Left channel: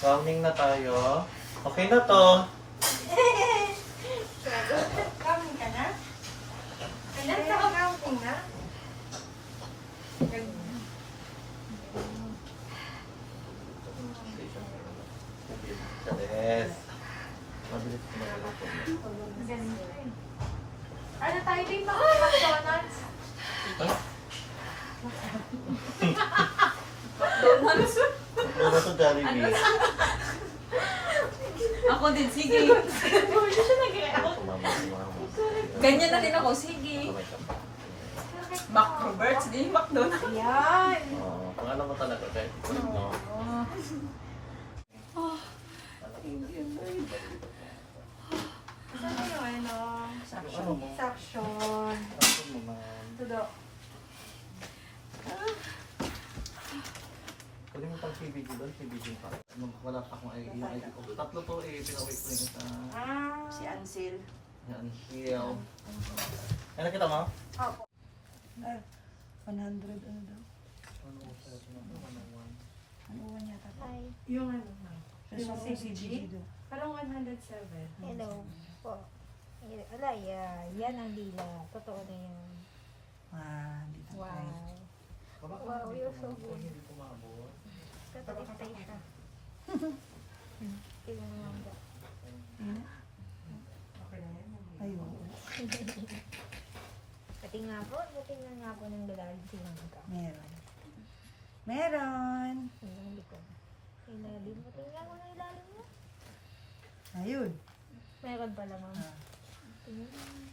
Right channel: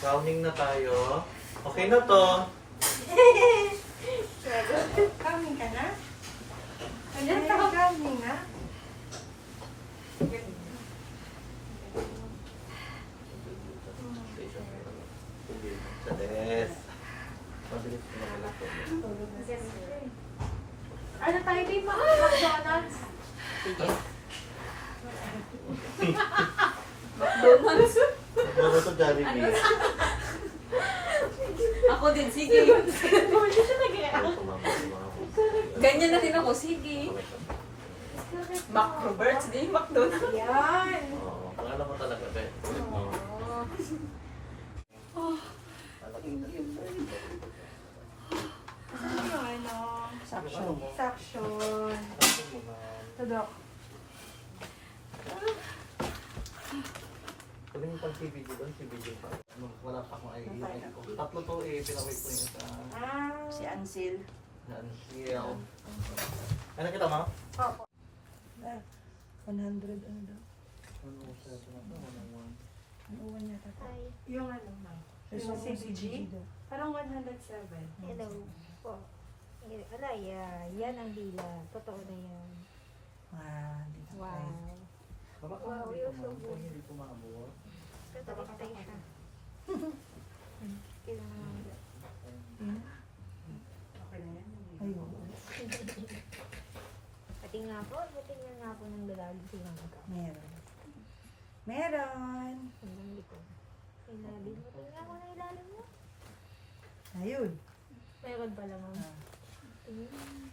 Rounding na tayo. Okay na to. Coming ka na? Ayan, coming na. Yes. Mabilis ko na ito. Ano tayo din ba? McDonald's? McDonald's? Ano to, Jollibee? Ako din, sige. Hindi siya nag-react. Ganyan na din ako, sige. Mac Roberts, di McDonald's. Yan. Oo, pangalan ko talaga. Okay. No. Saan yung ano? Ano mo? Suction. Ano mo, ma'am? Tulo. Pwede mo pang CBG doon, CBG pa. Nung wala pa akong yung ID ko. Tatlo to eh, pinawait ko yung isa. Si Ansil. Yan, Shield. Ay, nakita mo? 100 ano daw? Ano ko sa ito na? 101. Ano uwan yata? Yung ano na. Yung Yung CBG? daw. Parang 107. Hello po. Ala, yan ang dila. Totoo na yan. Dito Wow. tayo. Baba ka Wow, na you're dito, so ma'am. good. Kung hindi ko maabot. Tatalistay siya. Kailan naman ba? Yun na? Okay na yan. Ayun. Patingnan nga po ng lalaki silang magka. Meron. Meron! Hanggang likod. Ilalim. Patingnan mo ng ilalim mo. Ayun. Meron pala, ma'am. Ah. Tingnan.